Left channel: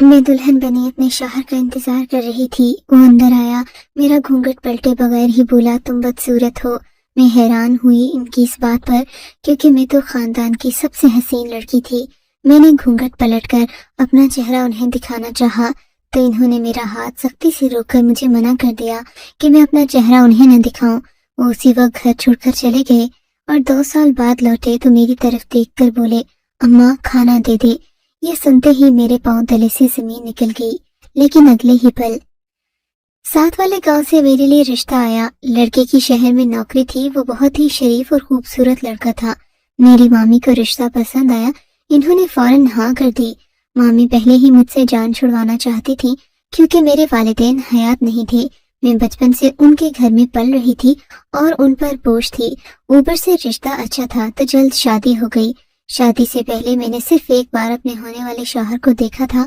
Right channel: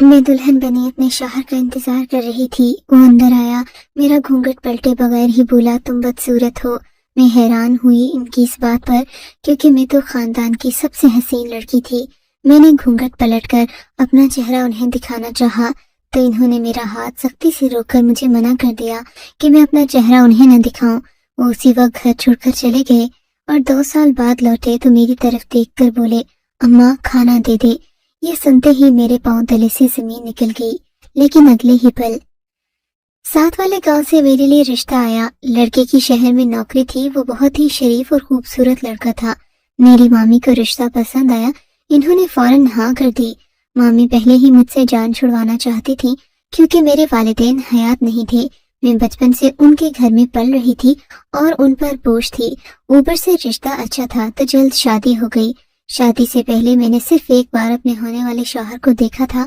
मैं दुल्हन बनी अपने शौहर का इंतजार कर रही थी। वो अंदर आया, मेरा घूंघट पलटे बगैर ही बोला, तुम बदसूरत हो। मैं हैरान हुई इनकी इस बात पर, क्योंकि मैं तो खानदान की सबसे हसीन लड़की थी। मैंने घूंघट पलटकर अपना चेहरा उन्हें दिखाना चाहा, तो इन्होंने मेरा हाथ सख्ती से रोककर मुझे मना कर दिया कि मैं अपना चेहरा उन्हें न दिखाऊं। वो उसी वक्त घर छोड़कर चले गए और 2 साल बाद लौटे तो मेरी तरफ देखकर बोले, अम्मा खाना दे दे। ये सुनते ही मेरे पांव तले से जमीन निकल गई। लेकिन अगले ही पल साथ वाले गांव से मेरे लिए रिश्ता आया। लड़के की शहर में नौकरी थी। वो बहुत ही शरीफ और खूबसूरत लड़का था। मेरी मामी को रिश्ता पसंद आया। इन्होंने फौरन हाँ कर दी। मामी पहले ही मुझसे जान छुड़वाना चाहती थी, क्योंकि मेरे वालिदैन हयात नहीं थे। मैं बचपन से उनके घर में पल रही थी और उन पर बोझ थी। ऊपर से रिश्ता अच्छा था तो जल्द शादी हो गई। शादी से पहले मैंने सिर्फ एक बार अपने होने वाले शौहर को देखा था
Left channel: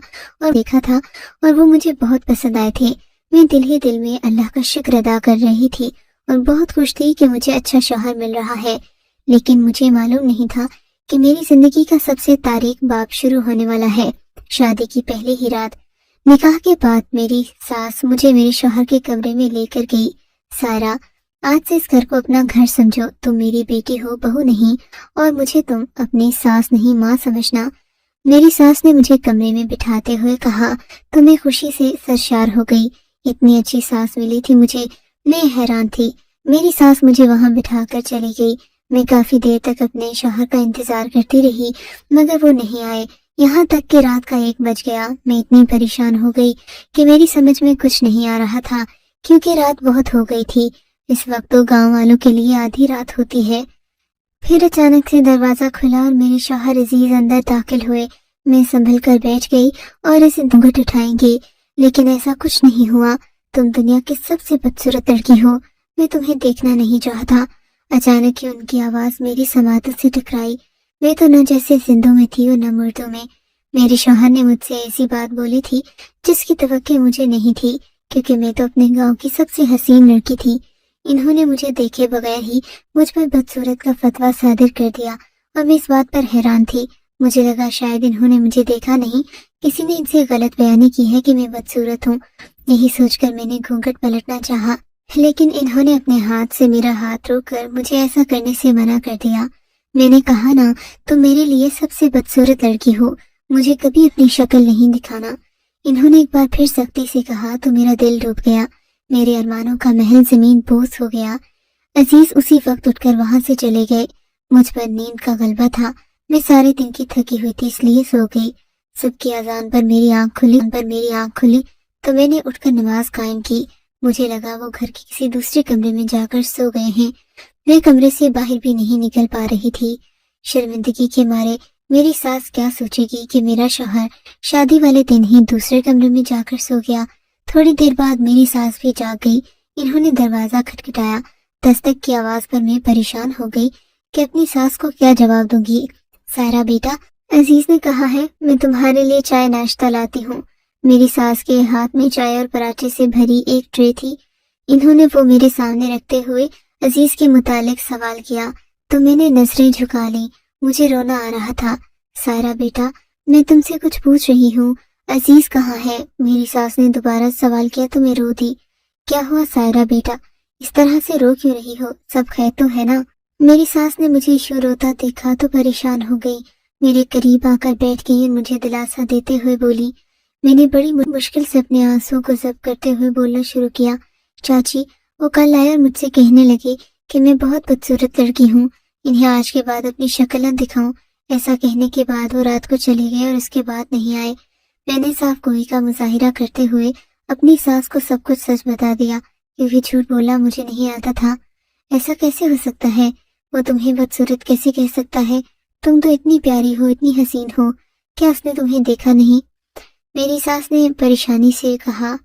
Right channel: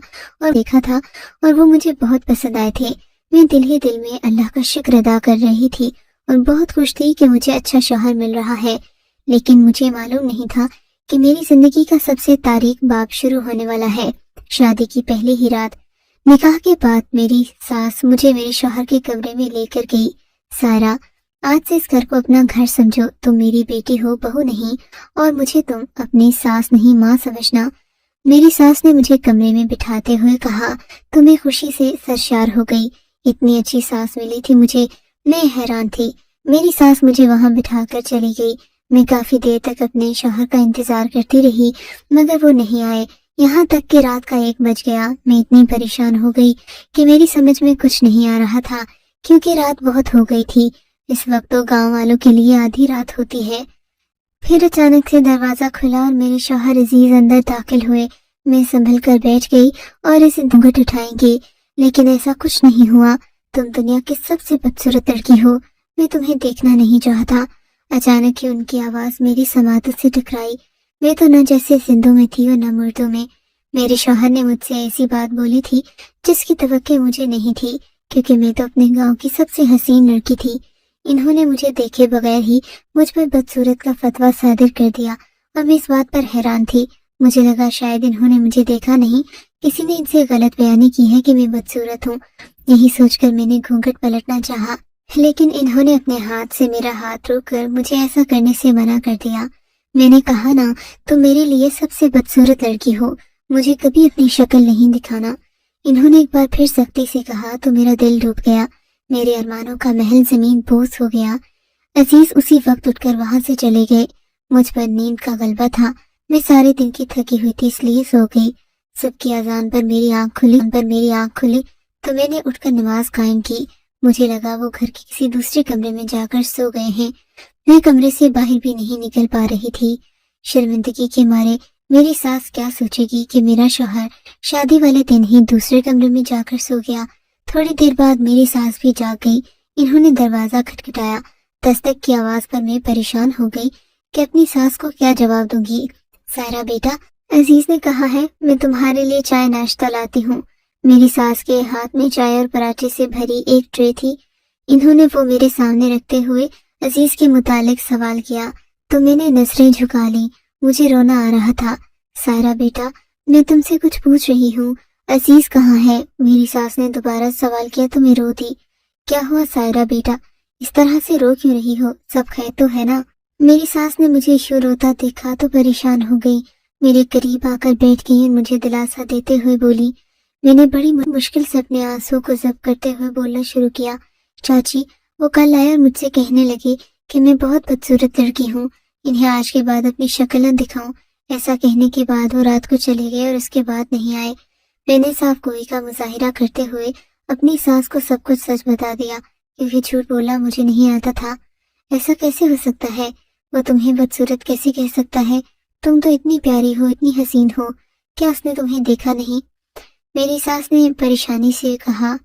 और वो मुझे बहुत पसंद आए थे। मैं दिल ही दिल में अल्लाह का शुक्र अदा कर रही थी और बहुत खुश थी कि मुझे अच्छा शौहर मिल रहा है। लेकिन मुझे मालूम नहीं था कि मेरी जिंदगी का सबसे तारीक बाब शुरू होने वाला है। शादी की पहली ही रात निकाह के बाद मेरी सास मुझे मेरे शौहर के कमरे में लेकर गई। सारा, आज से इस घर को अपना घर समझो। तुम मेरी बेटी हो, बहू नहीं, और मुझे तुम अपनी सास नहीं माँ समझना। मेरी सास ने मुझे कमरे में बिठाते हुए कहा तो मैं खुशी से सरशार हो गई। इतनी अच्छी सास मिली थी मुझे, मैं हैरान थी। मेरी सास मुझे वहां बिठाकर चली गई। मैं काफी देर तक अपने शौहर का इंतजार करती रही, मगर वो नहीं आए। यहाँ तक कि रात का 1 बज गया। मैं इतनी परेशान हो गई कि मेरी समझ में कुछ नहीं आ रहा था, क्योंकि रात बहुत हो गई थी। इस वक्त तो गांव वालों के लिए आधी रात होती है। फिर अचानक से दरवाजा खुला और मेरे शौहर अजीज अंदर दाखिल हुए। मैं संभल कर बैठ गई और इसे घूंघट उठाएंगी, लेकिन ऐसा कुछ नहीं हुआ। तुम दुनिया की सबसे बदसूरत लड़की हो, मैं तुम्हें देखना नहीं चाहता। अचानक ही उनकी आवाज मेरी समातत से टकराई। मैं तो न जैसे जिंदों में थी और न मुर्दों में। मेरे शौहर ने मुझसे ऐसी बात बोली थी जिसकी तवक्को मुझे नहीं थी, क्योंकि मैं तो अपने गांव की सबसे हसीन लड़की थी। इन्होंने मुझे देखे बगैर ही मुझ पर बदसूरत का फतवा सादिर कर दिया और मैं इस बात पर हैरान थी। मुझे लगा शायद इन्होंने मुझे देखा नहीं, किसी ने इनसे गलत बयानी की है कि मैं बदसूरत हूँ। यही सोचकर मैंने घूंघट पलटना चाहा, लेकिन इन्होंने अपने हाथ से मेरा हाथ रोककर मुझे ऐसा करने से मना कर दिया। मैंने कहा ना, तुम मेरे लिए सबसे बदसूरत लड़की हो, मुझे कभी अपनी शक्ल नहीं दिखाना। इन्होंने एक बार फिर सख्ती से कहा तो मेरा दिल डूब गया। मेरे अरमानों का महल जमीन बोझ हो गया। अजीज उसी वक्त उठकर वहां से चले गए। मुझ पर नींद का गलबा था। मैं सारे दिन की थकी हुई थी, इसलिए सो गई। सबकी अजान पर मेरी आंख खुली तो मैंने उठकर नमाज कायम की। मुझे लगा वो घर के किसी दूसरे कमरे में जाकर सो गए हैं। मैं कमरे से बाहर भी नहीं निकल पा रही थी। शर्मिंदगी के मारे मेरी सास क्या सोचेगी कि मेरा शौहर शादी वाले दिन ही दूसरे कमरे में जाकर सो गया। थोड़ी देर बाद मेरी सास भी जाग गई। इन्होंने दरवाजा खटखटाया। दस्तक की आवाज पर मैं परेशान हो गई कि अपनी सास को क्या जवाब दूंगी। सारा बेटा, अजीज ने कहा है मैं तुम्हारे लिए चाय नाश्ता लाती हूँ। मेरी सास के हाथ में चाय और पराठे से भरी एक ट्रे थी। इन्होंने वो मेरे सामने रखते हुए अजीज के मुतालिक सवाल किया तो मैंने नजरें झुका ली। मुझे रोना आ रहा था। सारा बेटा, मैं तुमसे कुछ पूछ रही हूँ, अजीज कहाँ है? मेरी सास ने दोबारा सवाल किया तो मैं रो दी। क्या हुआ सायरा बेटा, इस तरह से रो क्यों रही हो? सब खैर तो है ना? मेरी सास ने मुझे यूं रोता देखा तो परेशान हो गई। मेरे करीब आकर बैठ गई और मुझे दिलासा देते हुए बोली। मैंने बड़ी मुश्किल से अपने आंसू को जब्त करते हुए बोलना शुरू किया। चाची, वो कल आए और मुझसे कहने लगे कि मैं बहुत बदसूरत लड़की हूँ, इन्हें आज के बाद अपनी शक्ल न दिखाऊं। ऐसा कहने के बाद वो रात को चले गए और उसके बाद नहीं आए। मैंने साफ गोई का मुजाहिरा करते हुए अपनी सास को सब कुछ सच बता दिया, क्योंकि झूठ बोलना मुझे नहीं आता था। ऐसा कैसे हो सकता है? वो तुम्हें बदसूरत कैसे कह सकता है? तुम तो इतनी प्यारी हो, इतनी हसीन हो, क्या उसने तुम्हें देखा नहीं? मेरी सास ने परेशानी से कहा।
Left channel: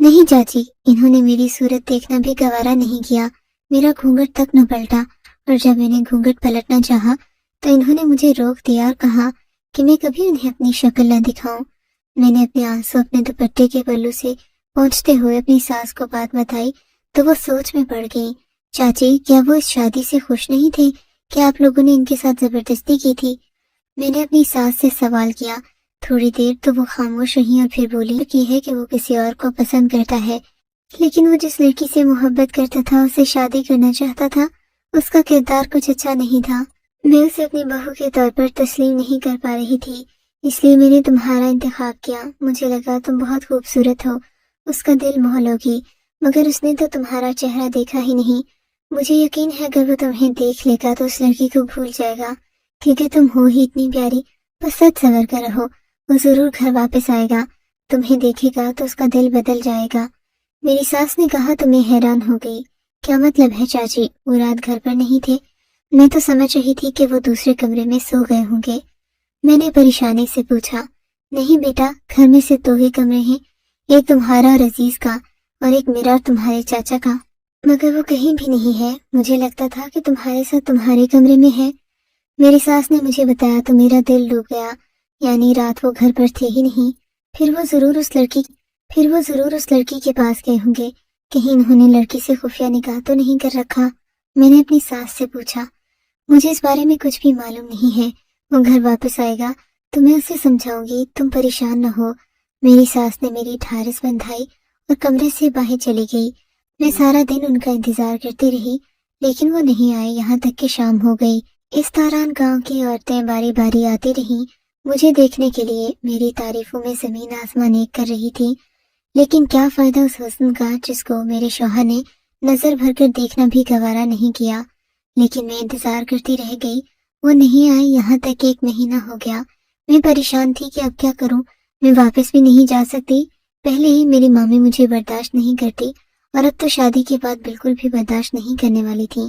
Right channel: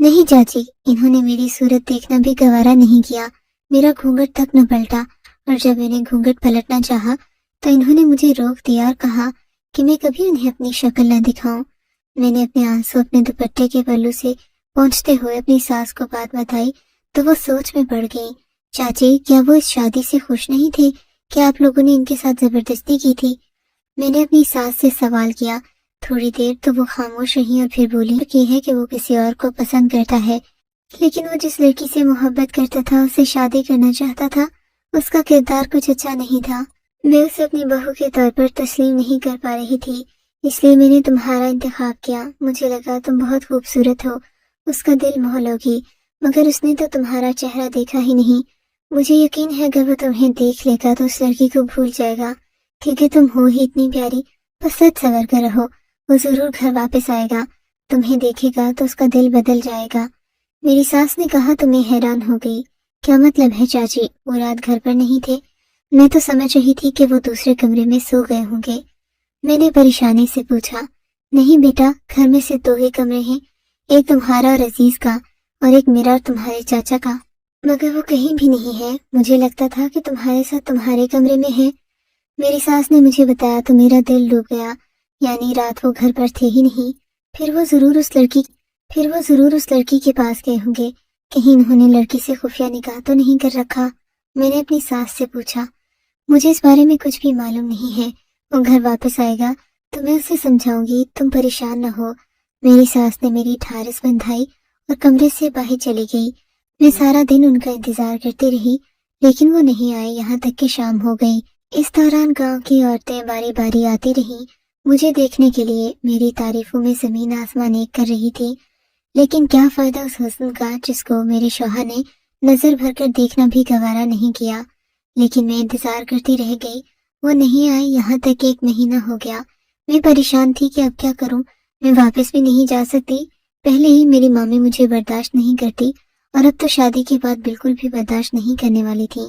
नहीं चाची, इन्होंने मेरी सूरत देखना भी गवारा नहीं किया। मेरा घूंघट तक न पलटा, और जब मैंने घूंघट पलटना चाहा तो इन्होंने मुझे रोक दिया और कहा कि मैं कभी उन्हें अपनी शक्ल न दिखाऊं। मैंने अपने आंसू अपने दुपट्टे के पल्लू से पोंछते हुए अपनी सास को बात बताई तो वो सोच में पड़ गई। चाची, क्या वो इस शादी से खुश नहीं थे? क्या आप लोगों ने इनके साथ जबरदस्ती की थी? मैंने अपनी सास से सवाल किया थोड़ी देर तो वो खामोश रही और फिर बोली कि है कि वो किसी और को पसंद करता है, लेकिन वो जिस लड़की से मोहब्बत करता था, उससे शादी करना चाहता था, उसका किरदार कुछ अच्छा नहीं था। मैं उसे अपनी बहू के तौर पर तस्लीम नहीं कर पा रही थी, इसलिए मैंने तुम्हारा इंतखाब किया। मुझे लगा तुम बहुत खूबसूरत हो, उसका दिल मोह लोगी, मगर उसने तो तुम्हारा चेहरा देखा ही नहीं। मुझे यकीन है अगर वो तुम्हें देख लेगा तो उस लड़की को भूल जाएगा, क्योंकि तुम हो ही इतनी प्यारी। बस सच सवर कर रहो, वो जरूर घर वापस आएगा, तुम्हें देखेगा तो उसका दिल बदल जाएगा। मेरी सास ने कहा तो मैं हैरान हो गई। क्या मतलब है चाची, वो रात घर पर नहीं थे? मैं तो समझ रही थी कि वो दूसरे कमरे में सो गए होंगे। मैंने परेशानी से पूछा। नहीं बेटा, घर में सिर्फ 2 ही कमरे हैं, एक तुम्हारा और अजीज का, और एक मेरा और तुम्हारे चाचा का। मगर वो कहीं भी नहीं है, मुझे लगता था कि तुम्हारे साथ तुम्हारे कमरे में है। मेरी सास ने मुझे बताया तो मेरा दिल डूब गया, यानी रात वो घर पर थे ही नहीं। फिर वो जरूर उस लड़की के पास गए होंगे। कहीं इन्होंने लड़की से खुफिया निकाह तो नहीं कर रखा? मैंने अपनी सास से पूछा। मुझे इस बारे में कुछ भी मालूम नहीं है। वो घर वापस आएगा तो मैं उसे समझाऊंगी, तुम परेशान न हो। मेरी सास ने मेरी ठारस बंधाई और कमरे से बाहर चली गई। मैं सारा दिन उनका इंतजार करती रही, लेकिन वो नहीं आए, यहाँ तक कि शाम हो गई। इस दौरान गांव की औरतें बारी बारी आती रहीं मुझे देखने के लिए। मेरी तारीफों में जमीन आसमान एक कर रही थी, लेकिन क्या फायदा उस हुस्न का जिसको मेरे शौहर ने नजर भर कर देखना भी गवारा नहीं किया। लेकिन मैं इंतजार करती रह गई, वो नहीं आई। यहाँ तक 1 महीना हो गया। मैं परेशान थी कि अब क्या करूं। मैं वापस भी नहीं जा सकती, पहले ही मेरी मामी मुझे बर्दाश्त नहीं करती, और अब तो शादी के बाद बिल्कुल भी बर्दाश्त नहीं करने वाली थी।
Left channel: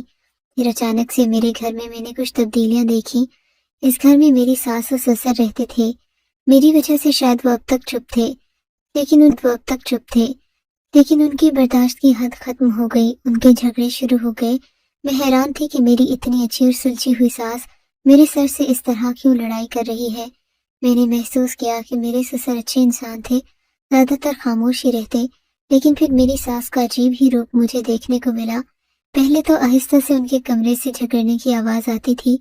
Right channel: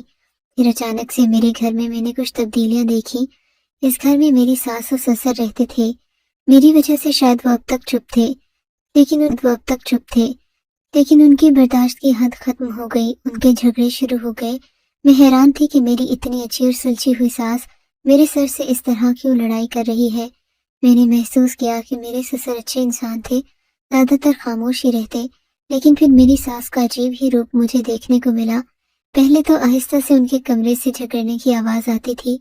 फिर अचानक से मेरे घर में मैंने कुछ तब्दीलियां देखी। इस घर में मेरी सास और ससुर रहते थे। मेरी वजह से शायद वो अब तक चुप थे, लेकिन उनकी बर्दाश्त की हद खत्म हो गई। उनके झगड़े शुरू हो गए। मैं हैरान थी कि मेरी इतनी अच्छी और सुलझी हुई सास मेरे सर से इस तरह क्यों लड़ाई कर रही है। मैंने महसूस किया कि मेरे ससुर अच्छे इंसान थे, ज्यादातर खामोश ही रहते, लेकिन फिर मेरी सास का अजीब ही रूप मुझे देखने को मिला। पहले तो आहिस्ता से उनके कमरे से झगड़ने की आवाज आती थी,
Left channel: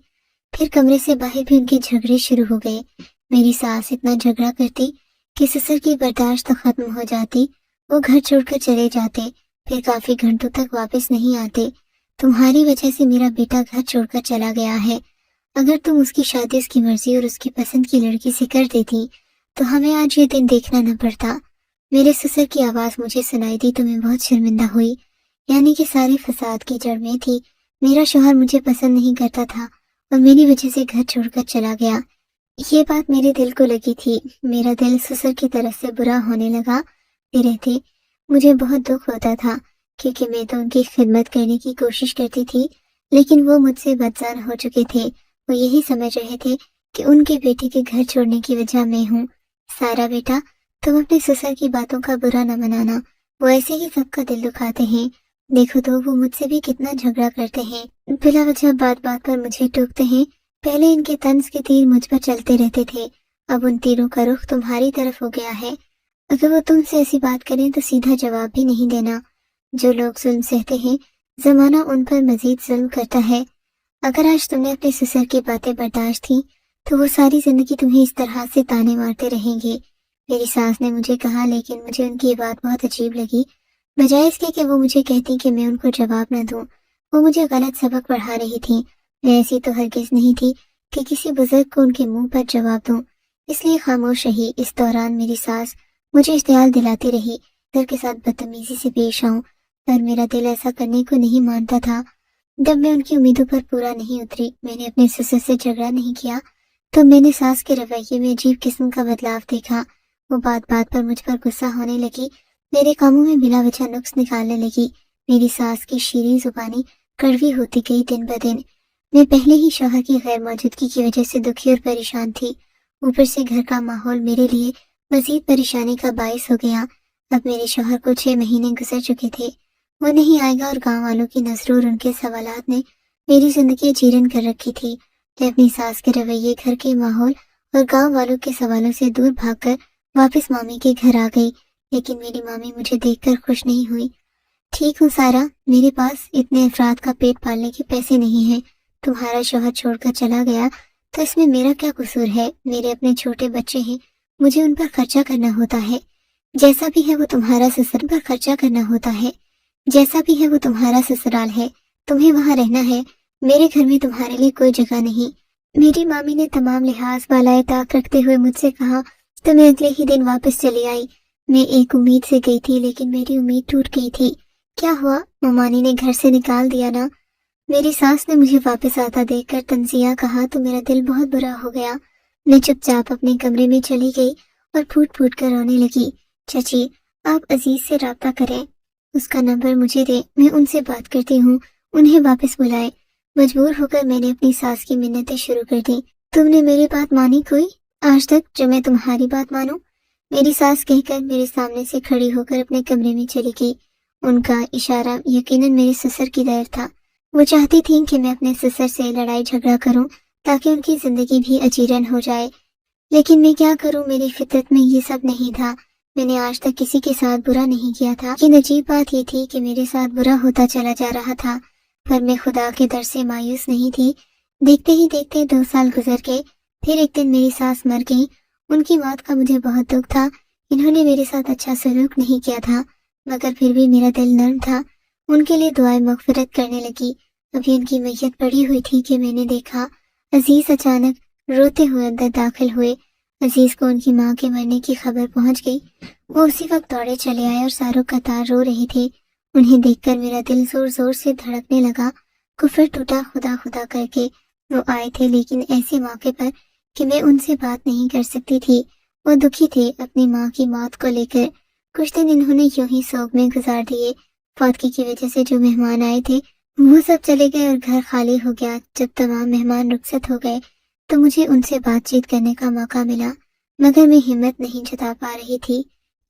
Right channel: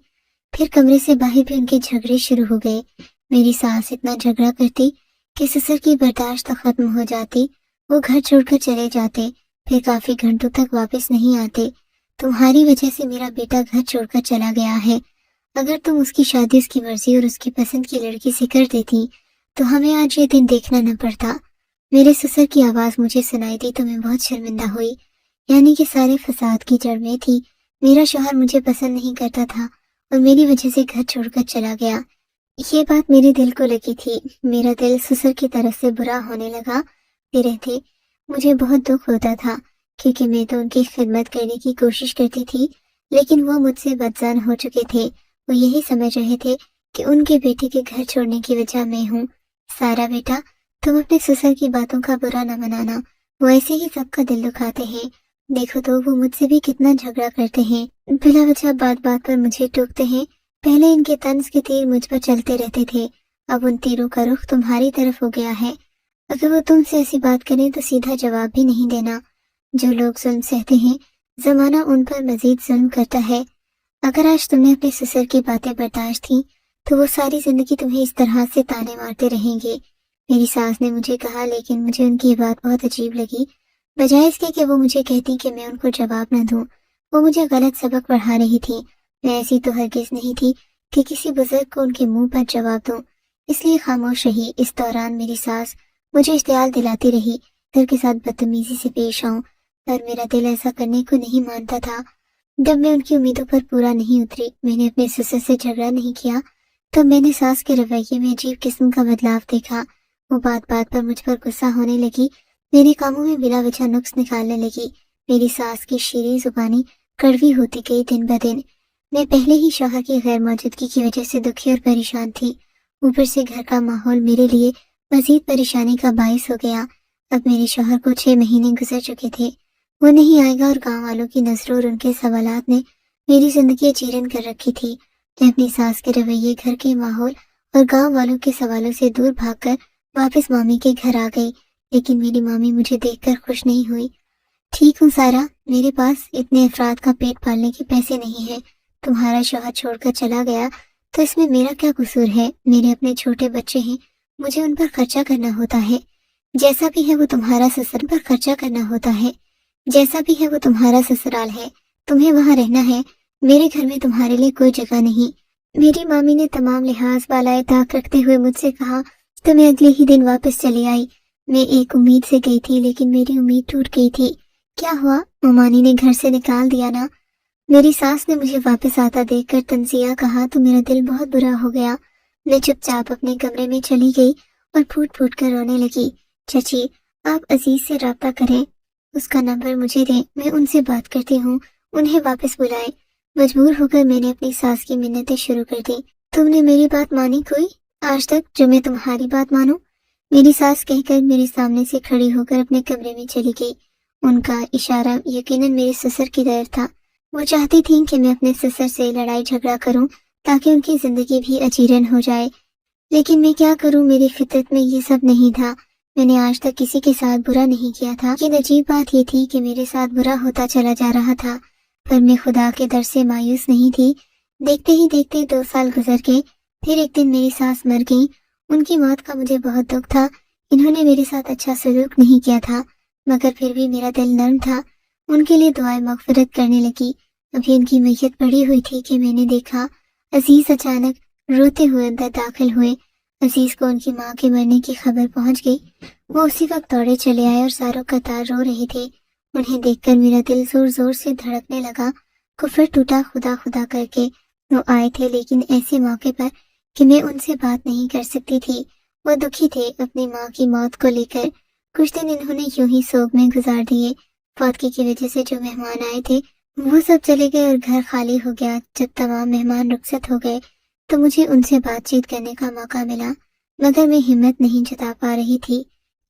फिर कमरे से बाहर भी उनके झगड़े शुरू हो गए। मेरी सास इतना झगड़ा करती कि ससुर की बर्दाश्त तो खत्म हो जाती। वो घर छोड़कर चले जाते, फिर काफी घंटों तक वापस नहीं आते। तुम्हारी वजह से मेरा बेटा घर छोड़कर चला गया है। अगर तुम उसकी शादी उसकी मर्जी और उसकी पसंद की लड़की से कर देती तो हमें आज ये दिन देखना न पड़ता। मेरे ससुर की आवाज मुझे सुनाई दी तो मैं बहुत शर्मिंदा हुई, यानी कि सारे फसाद की जड़ में थी। मेरा शौहर मुझे पसंद नहीं करता था और मेरी वजह से घर छोड़कर चला गया। ये बात मेरे दिल को लगी थी। मेरा दिल ससुर की तरफ से बुरा होने लगा। रहते मुझे बहुत दुख होता था, क्योंकि मैं तो उनकी खिदमत करने की कोशिश करती थी, लेकिन वो मुझसे बदजान हो चुके थे। वो यही समझ रहे थे कि उनके बेटे के घर छोड़ने की वजह मैं हूँ। सारा बेटा, तुम अपने ससुर की बातों का बुरा न मनाना, वो ऐसे ही सबका दिल दुखाते हैं। देखो तो वो मुझसे भी कितना झगड़ा करते हैं, बिला वजह बात बात पर मुझे टोकते हैं। पहले इनके तंज के तीर मुझ पर चलते रहते थे, अब उन तीरों का रुख तुम्हारी तरफ हो गया है। अगर वो तुमसे ऐसी बात करें तो सीधा जवाब भी नहीं देना। जो लोग जुल्म सहते हैं, जमाना उन पर मजीद जुल्म करता है। अगर आज तुमने अपने ससुर की बातें बर्दाश्त की तो वो सारी जिंदगी तुम्हें इस तरह से ताने मारते रहेंगे। मेरी सास ने मुझे कहा, लेकिन मुझे उनकी बात बहुत अजीब लगी। बजाय इसके कि वो मुझे कहती कि मैं उनको जवाब न दूं, वो मुझे गलत सबक पढ़ा रही थी। मैं ऐसी तो हरगिज नहीं थी कि किसी बुजुर्ग को उनके मुंह पर जवाब दूं, इसलिए खामोश रही। इस दौरान मेरी सास मुझे इश्तियाल दिलाती रही घर के साथ बदतमीजी से पेश आऊं, पर मेरा दिल ऐसा करने को नहीं मानता था। जब मैं उनकी उम्मीदों पर पूरा नहीं उतरी, मैंने अपने ससुर से झगड़ा नहीं किया, तो मैंने सास के रवैये में अजीब किस्म का बदलाव देखा। वो बात बात पर मुझ पर गुस्सा होने लगी, मेरे कामों में बिला वजह नुक्स निकालने लगी। मेरी सास की शीरीं जुबानी कड़वी होती गई दिन ब दिन। मैं पहले ही शौहर की गैर मौजूदगी की वजह से दुखी और परेशान थी, ऊपर से घर का माहौल मेरे लिए मजीद परेशानी का बायस हो गया। अब मेरे शौहर को 6 महीने गुजर चुके थे, वो नहीं आएगा, और गांव वालों की नजरों और उनके सवालात ने मेरी जिंदगी चीरन कर रखी थी। मैं अपनी सास के रवैये, घर के माहौल और गांव वालों के सवालों से दूर भागकर वापस मामी के घर आ गई, लेकिन मेरी मामी मुझे देखकर खुश नहीं हुई। ठीक हूँ सारा, मेरे पास इतने अफराद का पेट पालने के पैसे नहीं है। तुम्हारा शौहर छोड़कर चला गया तो इसमें मेरा क्या कसूर है? मेरे अपने छोटे बच्चे हैं, مجھے ان پر خرچہ کرنا ہوتا ہے، جیسا بھی ہے وہ تمہارا سسر پر خرچہ کرنا ہوتا ہے، جیسا بھی ہے وہ تمہارا سسرال ہے، تمہیں وہاں رہنا ہے، میرے گھر میں تمہارے لیے کوئی جگہ نہیں۔ میری مامی نے تمام لحاظ بالائے طاق رکھتے ہوئے مجھ سے کہا تو میں اگلے ہی دن واپس چلی آئی۔ میں ایک امید سے گئی تھی لیکن میری امید ٹوٹ گئی تھی۔ کیا ہوا؟ ممانی نے گھر سے نکال دیا نا؟ میری ساس نے مجھے واپس آتا دیکھ کر تنزیہ کہا تو میرا دل بہت برا ہو گیا۔ میں چپ چاپ اپنے کمرے میں چلی گئی اور پھوٹ پھوٹ کر رونے لگی۔ چچی، آپ عزیز سے رابطہ کریں، اس کا نمبر مجھے دیں، میں ان سے بات کرتی ہوں، انہیں واپس بلائیں۔ مجبور ہو کر میں نے اپنی ساس کی منتیں شروع کر دی۔ تم نے میری بات مانی کوئی آج تک جو میں تمہاری بات مانوں؟ میری ساس کہہ کر میرے سامنے سے کھڑی ہو کر اپنے کمرے میں چلی گئی۔ ان کا اشارہ یقیناً میرے سسر کی طرف تھا۔ وہ چاہتی تھیں کہ میں اپنے سسر سے لڑائی جھگڑا کروں تاکہ ان کی زندگی بھی اجیرن ہو جائے، لیکن میں کیا کروں، میری فطرت میں یہ سب نہیں تھا۔ میں نے آج تک کسی کے ساتھ برا نہیں کیا تھا، لیکن عجیب بات یہ تھی کہ میرے ساتھ برا ہوتا چلا جا رہا تھا، پر میں خدا کے در سے مایوس نہیں تھی۔ دیکھتے ہی دیکھتے 2 سال گزر گئے، پھر ایک دن میری ساس مر گئی۔ ان کی موت کا مجھے بہت دکھ تھا، انہوں نے میرے ساتھ اچھا سلوک نہیں کیا تھا، مگر پھر بھی میرا دل نرم تھا، ان کے لیے دعائیں مغفرت کرنے لگی۔ ابھی ان کی میت پڑی ہوئی تھی کہ میں نے دیکھا عزیز اچانک روتے ہوئے اندر داخل ہوئے۔ عزیز کو ان کی ماں کے مرنے کی خبر پہنچ گئی، وہ اسی وقت دوڑے چلے آئے اور ساروں قطار رو رہے تھے۔ انہیں دیکھ کر میرا دل زور زور سے دھڑکنے لگا، کفر ٹوٹا خدا خدا کر کے۔ وہ آئے تھے لیکن ایسے موقع پر کہ میں ان سے بات نہیں کر سکتی تھی۔ وہ دکھی تھے اپنی ماں کی موت کو لے کر۔ کچھ دن انہوں نے یوں ہی سوگ میں گزار دیے۔ فوتگی کی وجہ سے جو مہمان آئے تھے وہ سب چلے گئے اور گھر خالی ہو گیا۔ جب تمام مہمان رخصت ہو گئے تو مجھے ان سے بات چیت کرنے کا موقع ملا، مگر میں ہمت نہیں جتا پا رہی تھی۔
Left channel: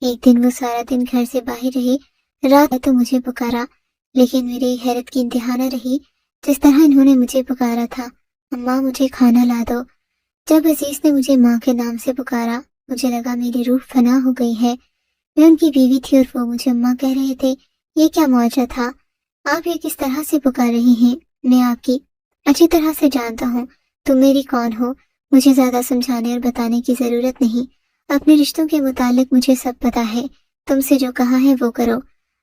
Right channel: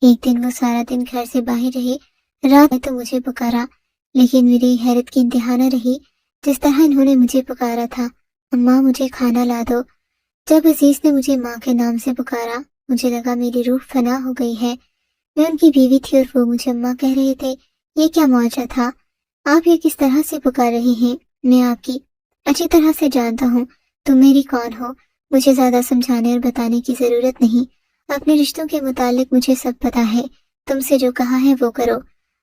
ایک دن وہ سارا دن گھر سے باہر رہے، رات میں تو مجھے پکارا، لیکن میری حیرت کی انتہا نہ رہی جس طرح انہوں نے مجھے پکارا تھا، اماں مجھے کھانا لا دو۔ جب عزیز نے مجھے ماں کے نام سے پکارا مجھے لگا میری روح فنا ہو گئی ہے۔ میں ان کی بیوی تھی اور وہ مجھے اماں کہہ رہے تھے، یہ کیا معجزہ تھا؟ آپ یہ کس طرح سے پکار رہی ہیں؟ میں آپ کی اچھی طرح سے جانتا ہوں، تم میری کون ہو، مجھے زیادہ سمجھانے اور بتانے کی ضرورت نہیں، اپنے رشتوں کے متعلق مجھے سب پتا ہے، تم سے جو کہا ہے وہ کرو۔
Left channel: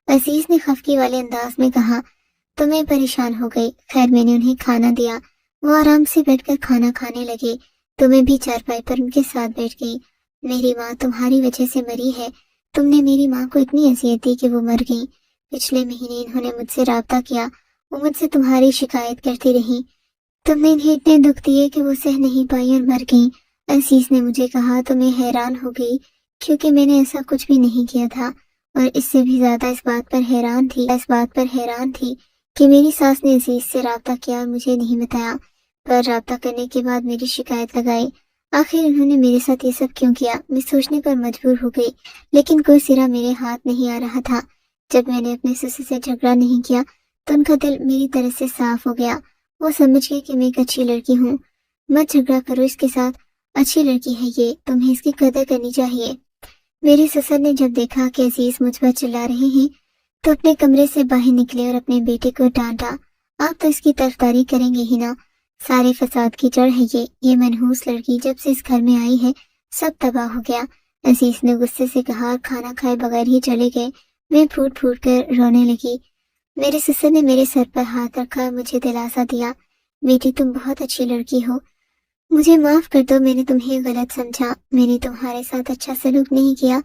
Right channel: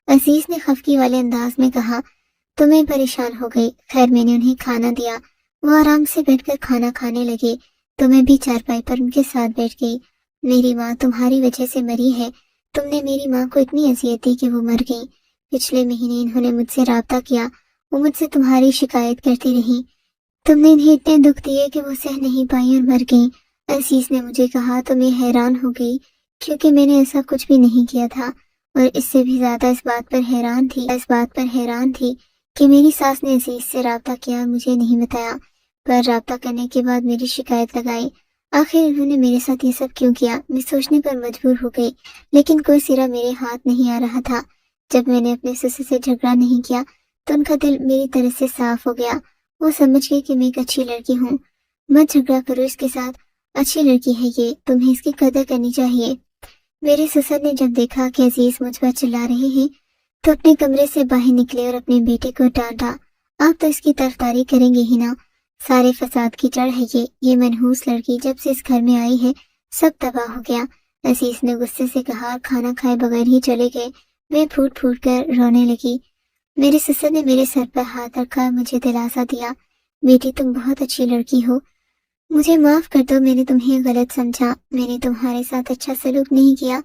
عزیز نے خفگی والے انداز میں کہا تو میں پریشان ہو گئی۔ خیر میں نے انہیں کھانا دیا، وہ آرام سے بیٹھ کر کھانا کھانے لگے تو میں بھی چارپائی پر ان کے ساتھ بیٹھ گئی۔ میری ماں تمہاری وجہ سے مری ہے، تم نے میری ماں کو اتنی اذیت دی کہ وہ مر گئی۔ پچھلے مہینے انہوں نے مجھ سے رابطہ کیا، وہ مجھ سے تمہاری شکایت کرتی رہی، تم نے انہیں اتنے دکھ دیے کہ وہ سہ نہیں پائی اور مر گئیں۔ عزیز نے مجھے کہا تو میں حیران ہو گئی کیونکہ میں نے ایسا کچھ بھی نہیں کیا تھا، اور اس سے بھی زیادہ اس بات پر حیران تھی کہ میری ساس نے عزیز سے رابطہ کیا اور مجھے نہیں بتایا، پر رابطہ کرنے کے بعد میری شکایت لگائی۔ آخر انہوں نے میرے ساتھ یہ سب کیوں کیا؟ میں سوچنے پر مجبور ہو گئی، لیکن کوئی سرا میرے ہاتھ نہیں آ رہا تھا۔ جب میں نے اپنے سسر سے جھگڑا نہیں کیا تو ان کا دل میری طرف سے صاف ہو گیا، وہ سمجھ گئے کہ میں ایک اچھی لڑکی ہوں۔ مت جھگڑا کرو اس کے ساتھ، اچھی لڑکی ہے یہ، تمہیں اس کی قدر کرنی چاہیے۔ میرے سسر نے جب دیکھا کہ عزیز مجھ پر چلا رہے ہیں تو اپنے کمرے سے باہر نکلے اور اپنے بیٹے کو ڈانٹا، آپ تو اس کی طرفداری کریں گے ہی نا، سارے فساد کی جڑ ہے یہ منحوس لڑکی جب سے اس گھر میں آئی ہے سب تباہ ہو گیا۔ عزیز نے غصے سے کہا اور کھانا کھائے بغیر ہی چلے گئے۔ میں پھوٹ پھوٹ کر رونے لگی۔ میرے سسر نے میرے سر پر ہاتھ رکھا اور مجھے دلاسا دیا، بیٹی تم بہت اچھی لڑکی ہو، مجھے معاف کر دو، میں نے تمہیں غلط سمجھا، میں نے تمہارے ساتھ اچھا سلوک نہیں کیا،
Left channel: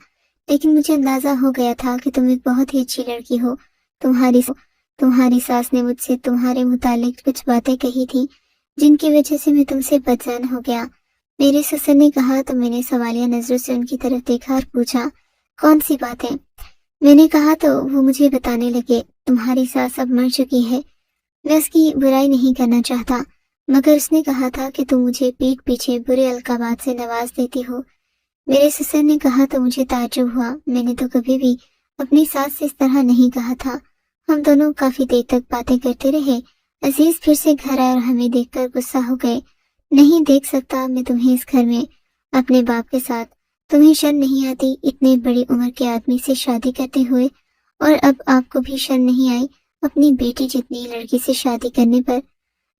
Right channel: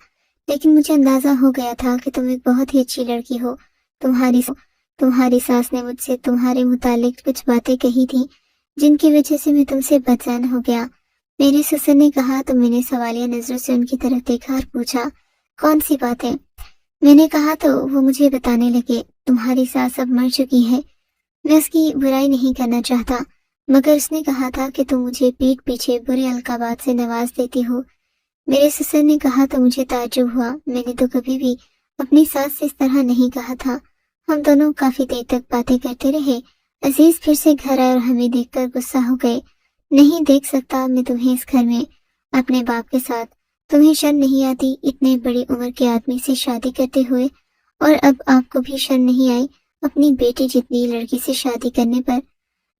لیکن مجھے اندازہ ہو گیا تھا کہ تم ایک بہت ہی اچھی لڑکی ہو۔ تمہاری ساس نے مجھ سے تمہارے متعلق کچھ باتیں کہی تھیں جن کی وجہ سے میں تم سے بدظن ہو گیا۔ میرے سسر نے کہا تو میں نے سوالیہ نظروں سے ان کی طرف دیکھا اور پوچھا، کون سی باتیں؟ میں نے کہا تو وہ مجھے بتانے لگے، تمہاری ساس اب مر چکی ہے، میں اس کی برائی نہیں کرنا چاہتا، مگر اس نے کہا تھا کہ تم مجھے پیٹھ پیچھے برے القابات سے نواز دیتی ہو۔ میرے سسر نے کہا تو مجھے تعجب ہوا، میں نے تو کبھی بھی اپنی ساس سے اس طرح نہیں کہا تھا۔ ہم دونوں کافی دیر تک باتیں کرتے رہے۔ عزیز پھر سے گھر آئے اور ہمیں دیکھ کر غصہ ہو گئے۔ نہیں دیکھ سکتا میں تمہیں اس گھر میں اپنے باپ کے ساتھ، تمہیں شرم نہیں آتی اتنے بڑی عمر کے آدمی سے شادی کرتے ہوئے؟ اور اب آپ کو بھی شرم نہیں آئی اپنی بیٹی جتنی لڑکی سے شادی کرنے پر؟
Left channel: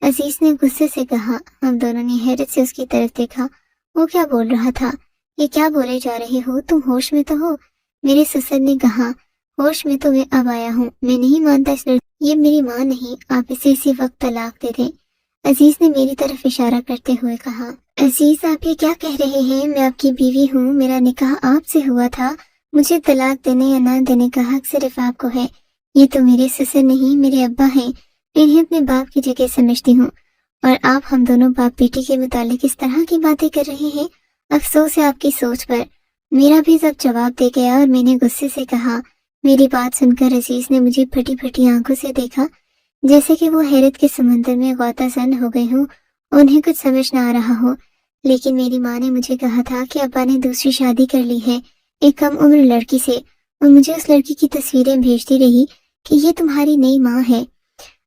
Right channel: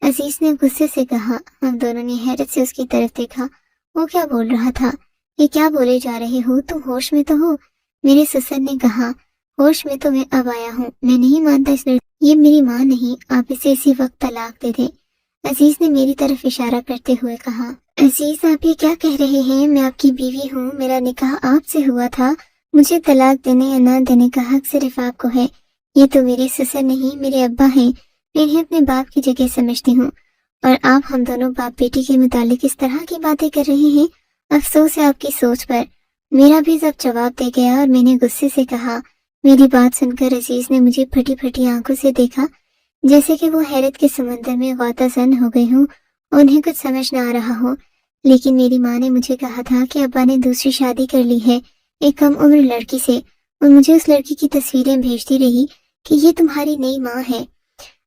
عزیز نے غصے سے کہا۔ ہم دونوں نے حیرت سے اس کی طرف دیکھا، وہ کیا بول رہا تھا؟ یہ کیا بولے جا رہے ہو؟ تم ہوش میں تو ہو؟ میرے سسر نے کہا۔ ہوش میں تو میں اب آیا ہوں، میں نہیں مانتا اس لڑکی، یہ میری ماں نہیں، آپ اسے اسی وقت طلاق دے دیں۔ عزیز نے میری طرف اشارہ کرتے ہوئے کہا۔ عزیز آپ یہ کیا کہہ رہے ہیں؟ میں آپ کی بیوی ہوں، میرا نکاح آپ سے ہوا تھا، مجھے طلاق دینے یا نہ دینے کا حق صرف آپ کو ہے۔ یہ تو میرے سسر نہیں، میرے ابا ہیں، میں انہیں اپنے باپ کی جگہ سمجھتی ہوں، اور آپ ہم دونوں باپ بیٹی کے متعلق اس طرح کی باتیں کر رہے ہیں، افسوس ہے آپ کی سوچ پر۔ میرا بھی ضبط جواب دے گیا اور میں نے غصے سے کہا۔ میری بات سن کر عزیز نے مجھے پھٹی پھٹی آنکھوں سے دیکھا، جیسے کہ وہ حیرت کے سمندر میں غوطہ زن ہو گئے ہوں اور انہیں کچھ سمجھ نہ آ رہا ہو۔ لیکن میری ماں نے مجھے کہا تھا کہ ابا نے دوسری شادی کر لی ہے ایک کم عمر لڑکی سے، اور مجھے اس لڑکی کی تصویریں بھیجتی رہی کہ یہ تمہاری نئی ماں ہے۔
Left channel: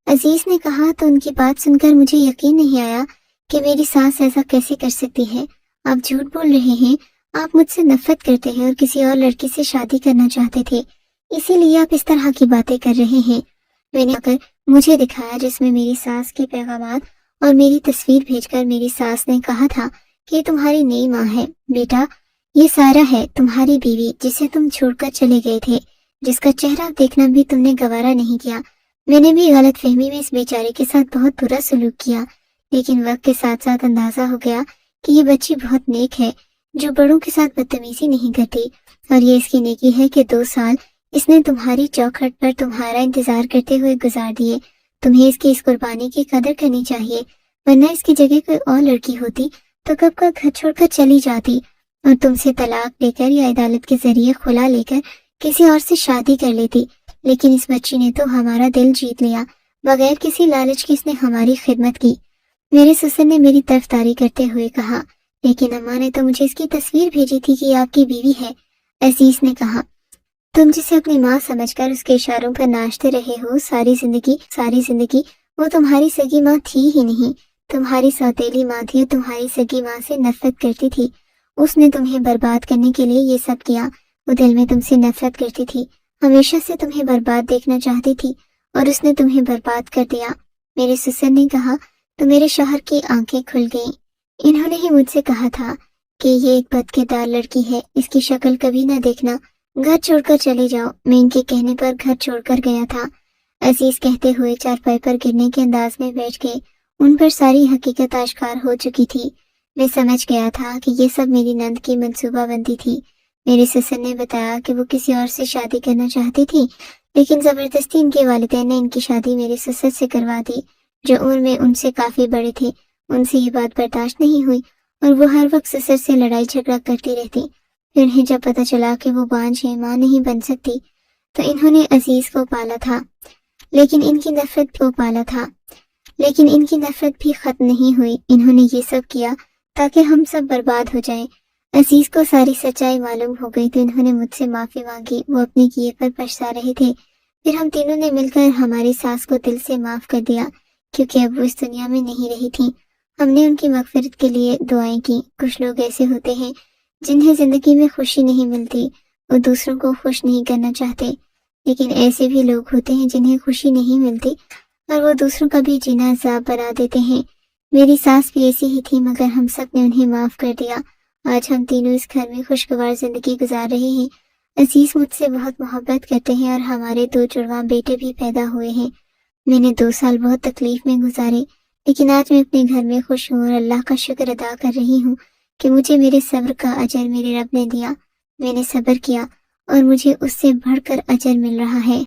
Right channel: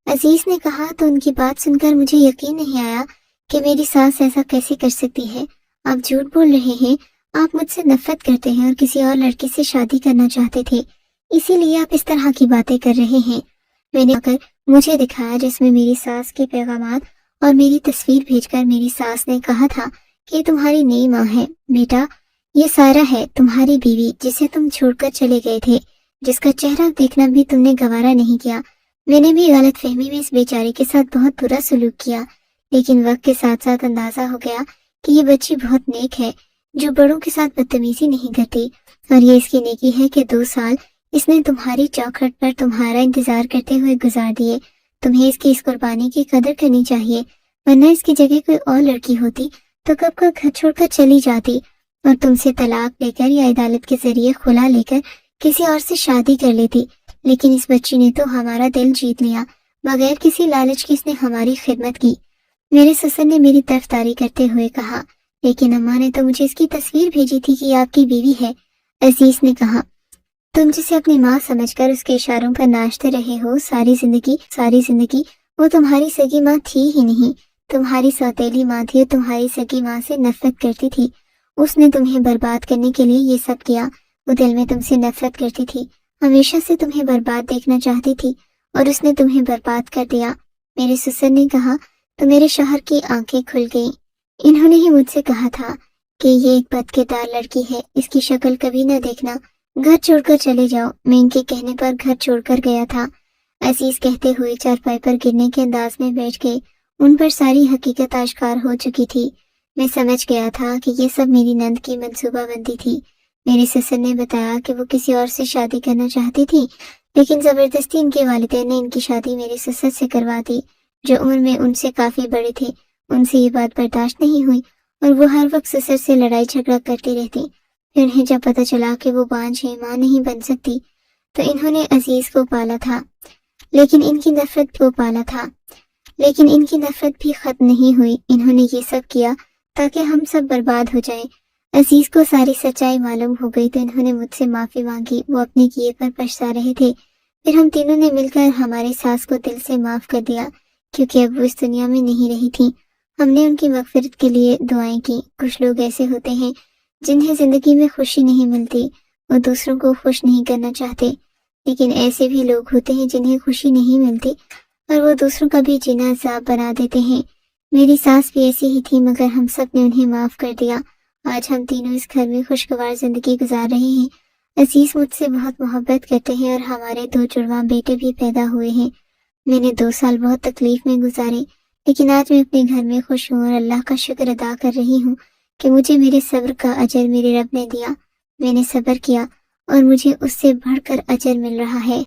عزیز نے کہا تو ان کی بات سن کر مجھے یقین نہیں آیا کہ میری ساس ایسا کیسے کر سکتی ہے۔ آپ جھوٹ بول رہے ہیں، آپ مجھ سے نفرت کرتے ہیں اور کسی اور لڑکی سے شادی کرنا چاہتے تھے، اسی لیے آپ اس طرح کی باتیں کر رہے ہیں۔ میں نے مجھے دکھایا جس میں میری ساس کے پیغامات اور میری تصویر بھیج کر میری ساس نے کہا تھا کہ یہ تمہاری نئی ماں ہے۔ بیٹا، یہ سارا ہے تمہاری بیوی جسے تم چھوڑ کر چلے گئے تھے، جس کا چہرہ دیکھنا بھی تم نے گوارا نہیں کیا۔ میں نے بھی غلط فہمی میں اس بیچاری کے ساتھ بہت برا سلوک کیا، لیکن وقت کے ساتھ ساتھ اندازہ ہو گیا کہ یہ بچی بہت نیک ہے، جو بڑوں کے ساتھ بدتمیزی نہیں کرتی، اور یہ اس کی نیکی ہے کہ 2 سال اس نے تمہاری چوکھٹ پر تمہارا انتظار کرتے ہوئے گزار دیے۔ تمہیں اس کی اس قربانی کی قدر کرنی چاہیے، ورنہ اس کی جگہ کوئی اور لڑکی ہوتی تو کب کا گھر چھوڑ کر چلی جاتی اور تم سے طلاق لے کر یا عدالت کے ذریعے خلا لے کر کسی اور سے شادی کر لیتی۔ لیکن اس بچی نے تو ہمارا دل جیت لیا، بغیر کسی لالچ کی اس نے ہماری خدمت کی۔ میرے سسر نے میری طرفداری کرتے ہوئے کہا۔ لیکن اماں نے تو مجھے اس کی تصویر بھیجی تھی کہ یہ آپ کی بیوی ہے، عزیز نے کہا۔ تم جسے اپنی ماں سمجھ کر اس کے اشاروں پر ناچتے رہے ہو ساری زندگی وہ تمہاری سگی ماں تھی ہی نہیں، تمہاری سوتیلی ماں تھی اور تمہاری سگی ماں سے نفرت کرتی تھی۔ اس نے تمہیں برباد کرنے کے لیے یہ سب کیا، وہ دل میں تم سے نفرت کرتی تھی، ہمیشہ سے تمہیں برباد دیکھنا چاہتی تھی، اور اس نے تمہیں برباد کر دیا۔ میرے سسر نے کہا تو میرے شوہر کی آنکھیں کھل گئیں۔ انہوں نے ہی مجھ سے کہا تھا کہ یہ ایک بدکردار لڑکی ہے، اس کی شکل کبھی نہ دیکھنا، گھر چھوڑ کر چلے جاؤ۔ میں ان کے کہنے پر گھر چھوڑ کر گیا تھا۔ عزیز کہتے ہوئے چارپائی پر گرنے کے انداز میں بیٹھ گئے، ان پر ساری حقیقت آشکار ہو چکی تھی۔ میں سمجھ گیا تھا کہ یہ سب میری نند کی منصوبہ بندی تھی۔ میرے سسر نے بتایا کہ وہ کسی اور سے شادی کرنا چاہتی تھی، لیکن زبردستی ان کے والدین نے ان کی شادی میرے سسر سے کروا دی، جو عمر میں ان سے کافی بڑے تھے۔ ان سے یہ بات برداشت نہیں ہوئی اور وہ ہر وقت سسر سے لڑائی جھگڑا کرتی رہتی۔ پھر انہیں جب پتہ چلا کہ وہ بانجھ ہیں، ماں نہیں بن سکتی، تو انہوں نے عزیز کو پالا تھا، لیکن ان کی نفرت بھی ختم نہیں ہوئی۔ انہوں نے یہ سب کیا تاکہ ہم سب برباد ہو جائیں۔ عزیز کو ساری سچائی معلوم ہو گئی تو انہوں نے مجھ سے معافی مانگی، وہ اپنے کیے پر پچھتا رہے تھے۔ پھر ہم تینوں نے مل کر ہماری ساس کو دل سے معاف کر دیا، کیونکہ اب وہ اس دنیا میں نہیں رہی تھی۔ ہم نے ان کی مغفرت کے لیے دعائیں کی۔ کچھ لوگ ایسے ہوتے ہیں جنہیں زندگی میں خوشی نہیں ملتی، وہ دوسروں کو خوش نہیں کرنا چاہتے، لیکن ایسے بھی لوگ ہوتے ہیں جنہیں خوشی نہیں ملتی اور وہ دوسروں کا بھی جینا عذاب بنا دیتے ہیں۔ میری ساس بھی ایسی ہی تھی، مگر ہم سب نے انہیں معاف کر دیا۔ آج ہم تینوں اس گھر میں خوشگوار زندگی گزار رہے ہیں۔ عزیز مجھ سے بہت محبت کرتے ہیں اور ہمارے 2 جڑواں بیٹے بھی پیدا ہوئے ہیں۔ میں نے 2 سال بہت تکلیف میں گزارے، لیکن آج میں اپنے گھر میں خوش ہوں اور اللہ کا شکر ادا کر رہی ہوں کہ مجھے میرے صبر کا اجر میرے رب نے دیا۔ میں نے صبر کیا اور مجھے اس سے بڑھ کر اجر مل رہا ہے۔